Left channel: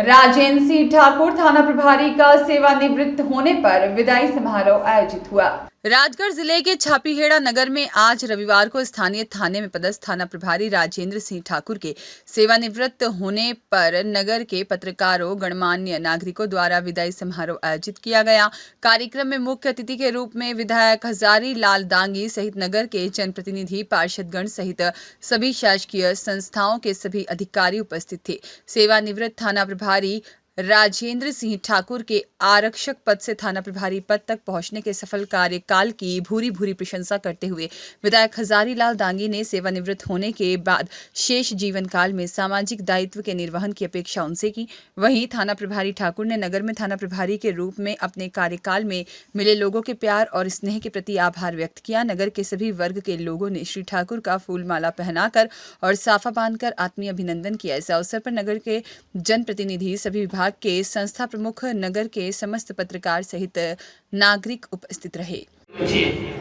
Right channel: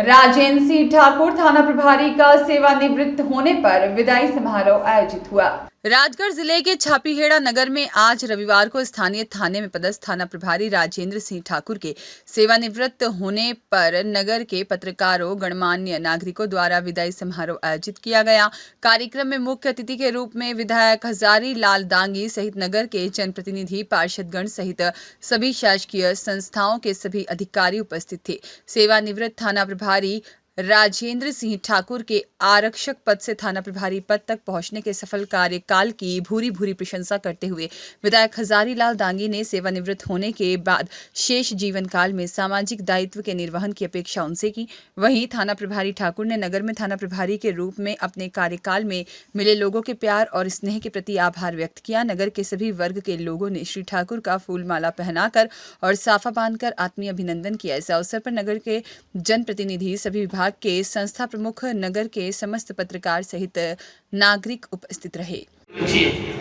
राजेंद्र सिंह ठाकुर थाना प्रभारी का सेवानिवृत्त होने पर विदाई समारोह आयोजित हुआ। राजगढ़ जिले के छापीहेड़ा नगर में आज रविवार को स्थानीय थाने में पदस्थ थाना प्रभारी राजेंद्र सिंह ठाकुर के सेवानिवृत्त होने पर नगर के पत्रकारों गणमान्य नागरिकों द्वारा विदाई समारोह आयोजित किया गया। कार्यक्रम में मुख्य अतिथि के रूप में विधायक हजारी लाल दांगी सहित नगर के जनप्रतिनिधि पार्षदगण सहित सभी शासकीय संस्थाओं के सभी अधिकारी उपस्थित थे। सेवानिवृत्त थाना प्रभारी राजेंद्र सिंह ठाकुर के आरक्षक पद से थाना प्रभारी पद तक पहुंचने के सफल कार्यकाल की भूरी भूरी प्रशंसा करते हुए विधायक हजारी लाल दांगी ने सेवानिवृत्त होने के बाद शेष जीवन काल में सामाजिक दायित्व के निर्वहन की अपेक्षा उनसे की। वहीं थाना प्रभारी ठाकुर ने नगर में थाना प्रभारी के रूप में अपने कार्यकाल में मिले लोगों के प्यार और स्नेह के प्रति आभार व्यक्त किया। नगर के सभी वर्ग के लोगों ने श्री ठाकुर का फूलमाला पहनाकर और साफा बांधकर आत्मीय अभिनंदन किया। इस अवसर पर नगर के जनप्रतिनिधि, सभी विभाग के संस्था प्रमुख, नगर के समस्त पत्रकार सहित नागरिक उपस्थित रहे।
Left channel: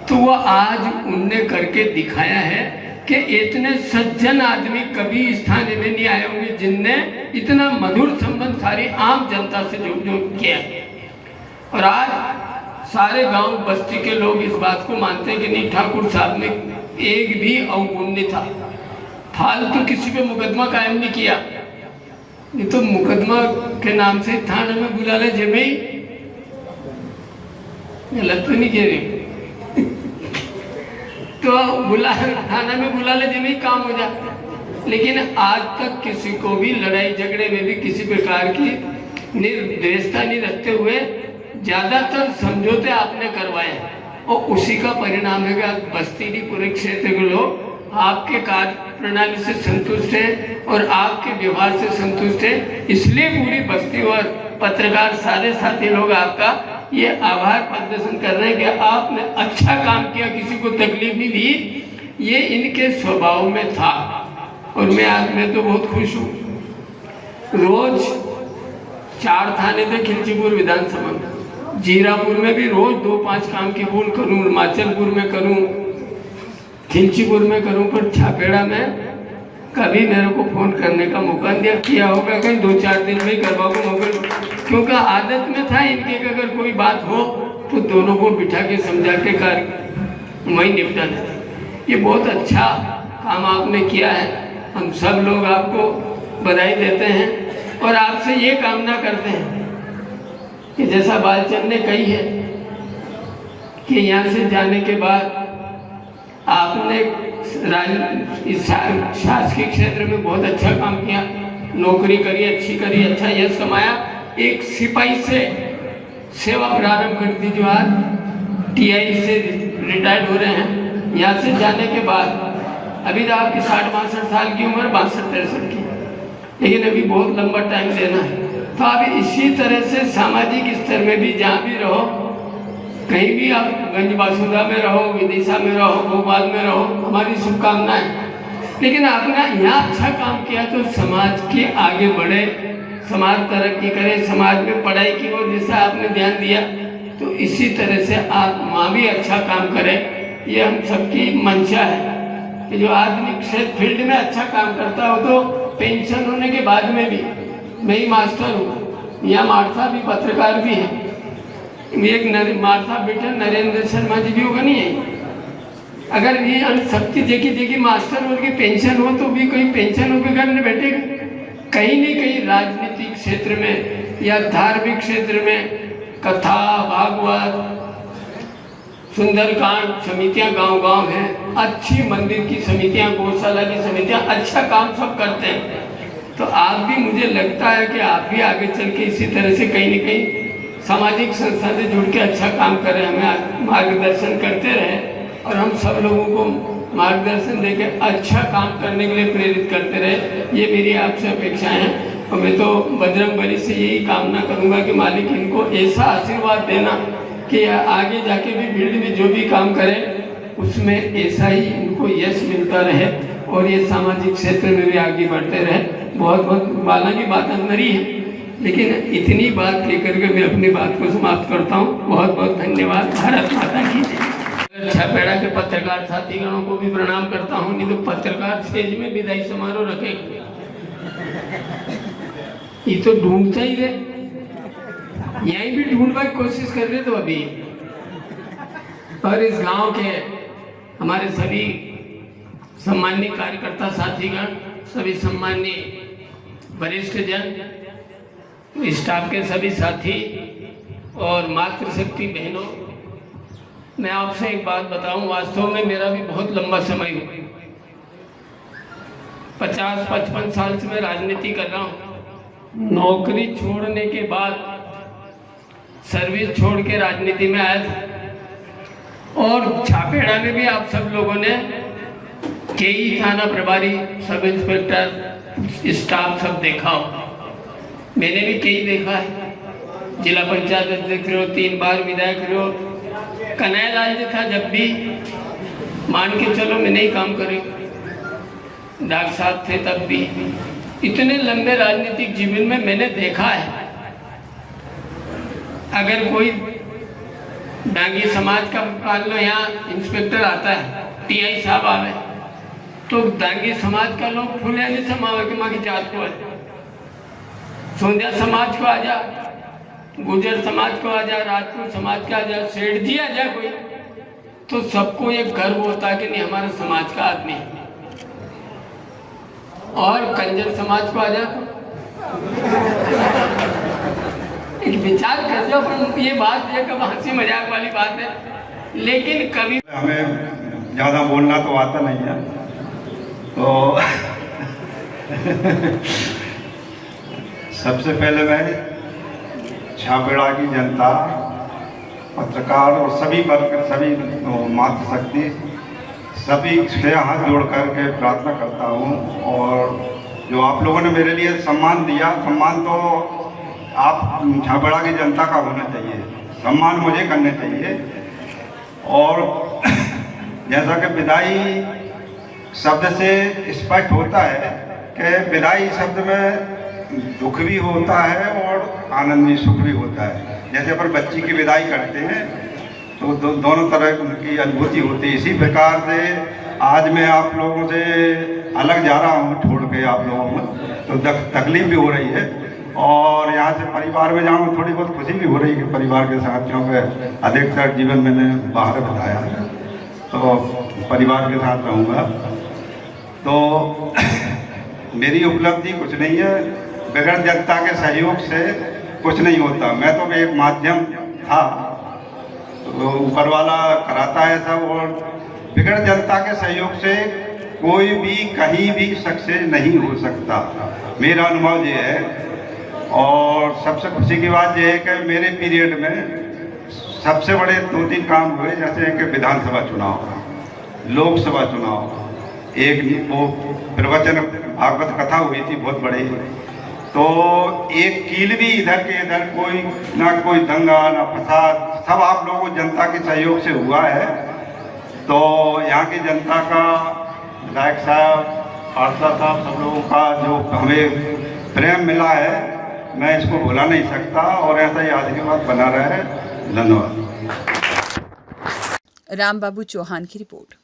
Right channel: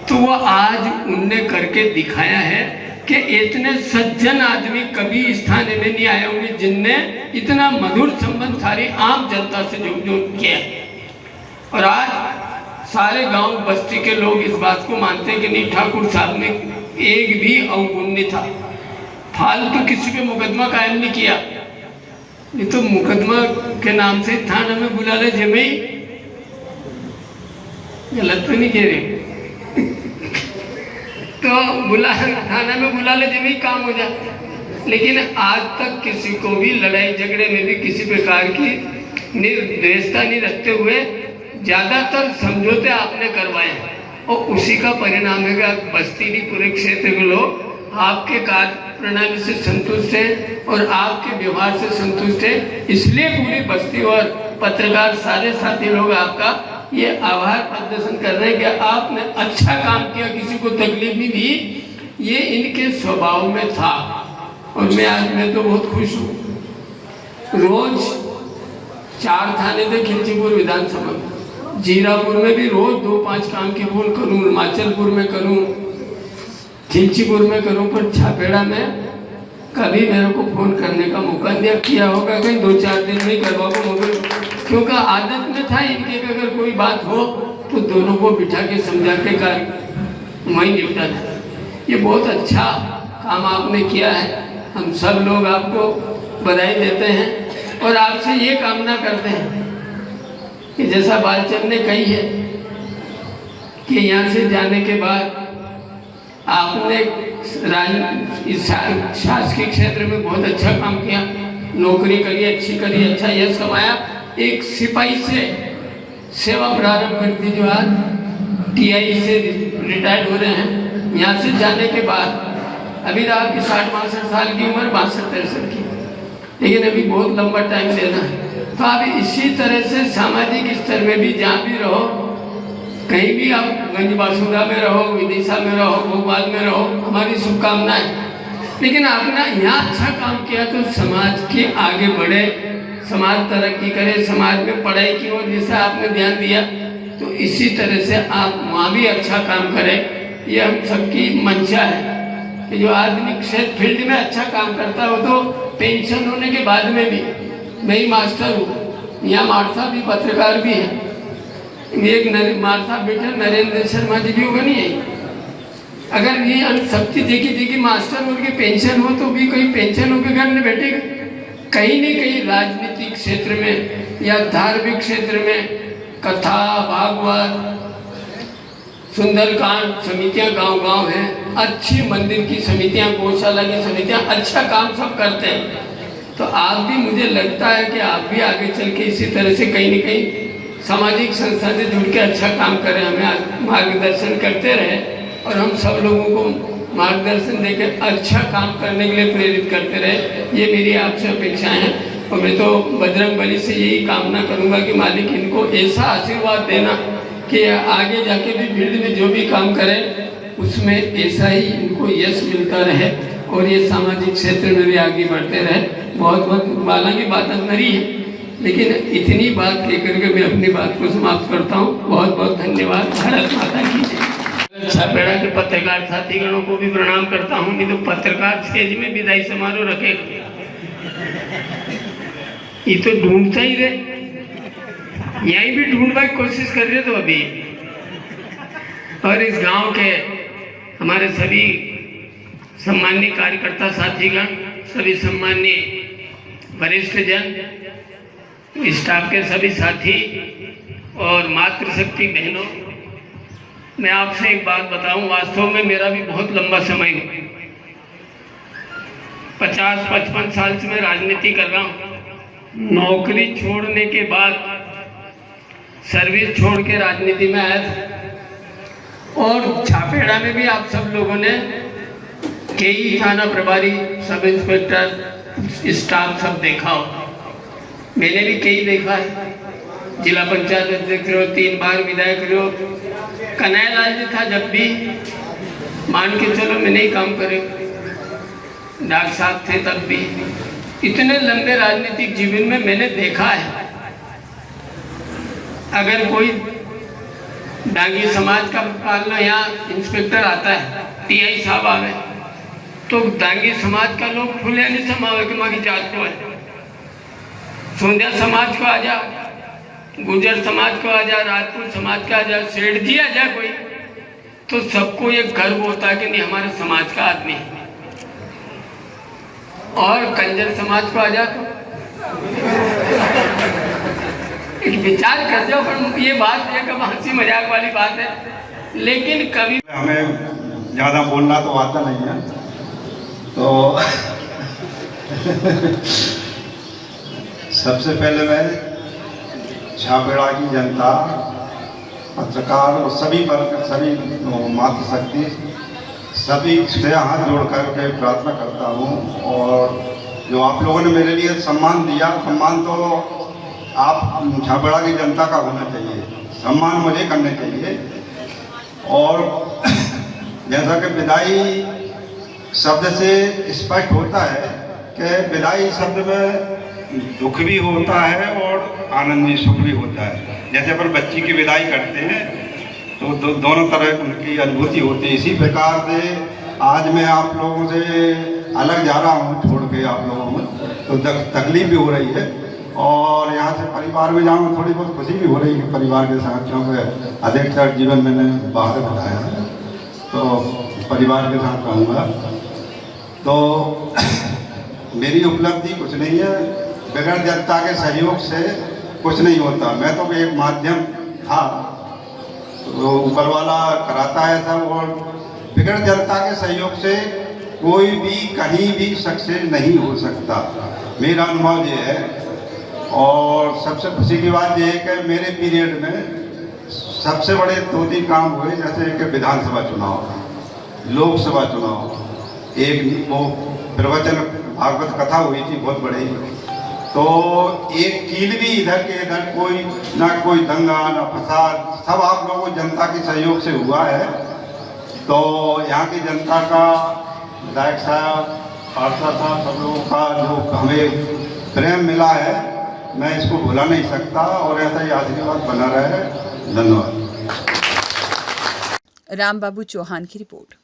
तो वो आज उनने करके दिखाया है कि इतने सज्जन आदमी कभी इस थाने में नहीं आए होंगे जिनने इतना मधुर संबंध सारी आम जनता से जो किया। और आज सारे गांव बस्ती के लोग इस बात को मानते हैं कि नहीं, ठाकुर साहब ने एक भी अवगुण नहीं था, फालतू किसी पे मुकदमा कायम नहीं किया। ये तो मुकदमा के नाम से थाना में बुला ले जमे, गलत तो नहीं कह रहे तो थाना में बुला ले जमे काम हो जाए। लेकिन आज तक किसी को भी लड़ाई झगड़े में भी किसी प्रकार की निर्दयता नहीं रखते हुए ज्यादातर समझौते आपने करवाए और उसी का परिणाम है कि बस्ती भी पूरे क्षेत्र के लोग आपके कार्य प्रणाली से संतुष्ट है और आपके व्यवहार से संतुष्ट है। इसलिए पूरी बस्ती और पत्रकार सारे साथी लोग आपका ये आभार प्रदर्शन कर रहे हैं कि आपने अच्छा काम किया, किसी को तकलीफ नहीं दी। ये इनके स्वभाव में था और मैं तो बहुत खुश हूँ। रोज 4 थाने थे खिलचीपुर विधानसभा, जीरापुर में भी रोज 2-5 काम की भूल करूँ, हिमाचलपुर में करूँ, खिलचीपुर में करूँ, पर छापेड़ा में कभी मेरे को फोन करने का मौका दिया किया होगा कि 2-4 दिन में ही करवाऊंगा, क्योंकि आदत में था इनके कि अगर कोई बात हो तो दोनों को बिठा के समझा के कर वही निपटा था। ये बहुत अच्छा काम आपने किया है। हम सब लोग आपको बधाई देते हैं और आपसे ये कामना करते हैं कि जैसा बालचंद ने कही है कि यहाँ से जाने के बाद आपने इस शासकीय क्षेत्र में बहुत अच्छा काम किया, नौकरी करी, अच्छी करी, अच्छा यश कमाया। एक सिपाही से सेवा प्रारंभ कर दी जो आज TI से रिटायर्ड हो रहे हैं। यहाँ से जाने के बाद अभी तो आपकी 60-62 साल की उम्र, 62-63 की, लेकिन अभी बहुत लंबा टाइम देना है। तो आप इसी तरह से सामाजिक स्तर में भी जहाँ भी रहो, कहीं भी आप गंजबासुदा में रहो, विदिशा में रहो, भोपाल में रहो, हमारी शुभकामनाएं। लेकिन आपने यहाँ अच्छा काम किया तो समाज के आगे बढ़े, समाज तरक्की करे, समाज में पढ़ाई की ओर जैसा आपने ध्यान दिया तो इसी तरह से आप वहाँ भी अच्छा काम करें, ये हम सबकी मंशा है। जो आदमी क्षेत्र फील्ड में अच्छा काम करता हो तो पेंशन होने के बाद में भी, मैं ही मास्टर हूँ, यहाँ मार्था भी पत्रकार भी है, एक मार्था बेटा नरेंद्र शर्मा जी भी बनी है। अगर ये सबकी देखी मास्टर उनकी पेंशन हो तो भी कहीं पेंशन होकर घर में बैठे, कहीं न कहीं राजनीतिक क्षेत्र में या धार्मिक क्षेत्र में कथा, भागवत, सुंदरकांड समितियां गांव-गांव हैं, अच्छी मंदिर की समितियां, गौशाला की समितियां अच्छा काम सब करते हैं। तो आप भी, मुझे लगता है कि आप भी आगे चल के इसी तरह से कहीं न कहीं सामाजिक संस्था से जुड़ के अच्छा काम करें, हमें मार्गदर्शन करते रहें और हम सब लोगों को मार्गदर्शन देकर अच्छा काम करने के लिए प्रेरित करते रहे। ये मेरी आपसे अपेक्षाएं हैं और मैं तो बजरंगबली से यही कामना करूंगा कि मालिक इनको ऐसा आशीर्वाद देना कि आगे जाके भी फील्ड में जो भी काम करें उसमें ऐसा ही इनको यश मिलता रहे और ये सामाजिक क्षेत्र में भी आगे बढ़ते रहे। बहुत बहुत बाला की बात अंदर ही है, लेकिन इतनी बात लेकर के मैं अपनी बात को समाप्त करता हूँ। बहुत बहुत धन्यवाद। भारत माता की जय। छापेड़ा के पत्रकार साथीगणों को भी प्रणाम करता हूँ। नहीं तो पत्रकार स्टेज में विदाई समारोह रखे ये तो ढूंढता ही रहे, यहीं भी ढूंढने की कोशिश कर रहे तो अभी। और इस गांव के हमारे सभी सम्मानीय कार्यकर्ता साथीगण, सभी सम्मानीय वरिष्ठ जन, स्टाफ के सभी साथी और मातृशक्ति बहनों, मैं आपसे एक बात बताऊं, वास्तव में मेरा भी बहुत लंबा समय है, 50-55 साल से मैं राजनीति कर रहा हूं। नौकरी छोड़ने के बाद सर्विस छोड़ के राजनीति में आया था और छापेड़ा में भी आप सब लोगों ने केई थाना प्रभारी, सब इंस्पेक्टर, स्टाफ सब देखा हो। मैंने भी कई देखा है, जिला पंचायत अध्यक्ष रहो, 3 बार विधायक रहो, कन्हैया लाल जी था जब भी, मान के चलो मैंने ही काम करे, डॉक्टर साहब थे तब भी। इतने लंबे राजनीतिक जीवन में मैंने देखा है, अगर कोई डांगी समाज का पालना यहाँ इंस्पेक्टर आता है, टीआई साहब आवे, तो डांगी समाज का लोग फुले नहीं समावे कि माँ की जात को है, सोंधिया समाज को आ जा, गुर्जर समाज को आ जा, राजपूत समाज का आ जा, सेठ जी आ जा कोई, तो सबको ये गर्व होता है कि नहीं हमारे समाज का आदमी है। और कंजर समाज को आ जा तो एक विचार कर दो, पर ये बात ये कब हंसी मजाक वाली बात है, लेकिन कभी हमें ज़्यादा बोलना तो आता नहीं है, तो सबसे पहले मैं छापेड़ा की जनता, पत्रकार और सभी वर्ग, सभी मातृशक्ति, सभी से हाथ जोड़ करके प्रार्थना करता हूँ। और जो आप लोगों ने मेरे लिए सम्मान दिया, सम्मान तो आप छापेड़ा की जनता का होना चाहिए, सम्मान मुझे करना चाहिए। और जैसा कि विदाई शब्द से स्पष्ट होता है कि विदाई शब्द में दुख भी होता है और आनंद भी, सुख भी होता है। जैसे अपन बच्ची की विदाई करते हैं तो दोनों तरह उनकी अनुभूति होती है। इसी प्रकार से आज मैं आप लोगों से अलग जा रहा हूँ, छोड़ के आप लोगों को, तो तकलीफ भी हो रही है। और यहाँ से परिवार में जाऊँ थोड़ी बहुत खुशी भी हो रही है परिवार के साथ, क्योंकि अधिकतर जीवन मैंने बाहर बताया है, तो परिवार के साथ रहूँगा। तो मेरी उपलब्धि कुछ नहीं है, बगैर जनता के सहयोग से कुछ नहीं होता। मैं तो एक माध्यम था, तो ऊपर वाला कराता है सब, और बगैर जनता के सहयोग से कोई भी कहीं भी सक्सेस नहीं हो सकता, मेरा अनुभव ये है। और सबसे खुशी की बात यह है कि मेरे पीरियड में सबसे बड़े 2-3 काम हुए, जैसे कि विधानसभा चुनाव, लोकसभा चुनाव, एक वो प्रवचन भागवत कथा हुई थी बहुत बड़ी, तो एक कील भी इधर के इधर कोई ना कोई दंगा ना फसाद, सब आप लोगों को जनता के सहयोग से हुआ है। तो यहाँ की जनता का, विधायक साहब, पार्षद साहब, सब लोगों का जो हमें प्रेम मिला है, मैं इसको भुला नहीं सकता, और ऐसा ही आशीर्वाद बना रहे। धन्यवाद। राम बाबू चौहान की रिपोर्ट।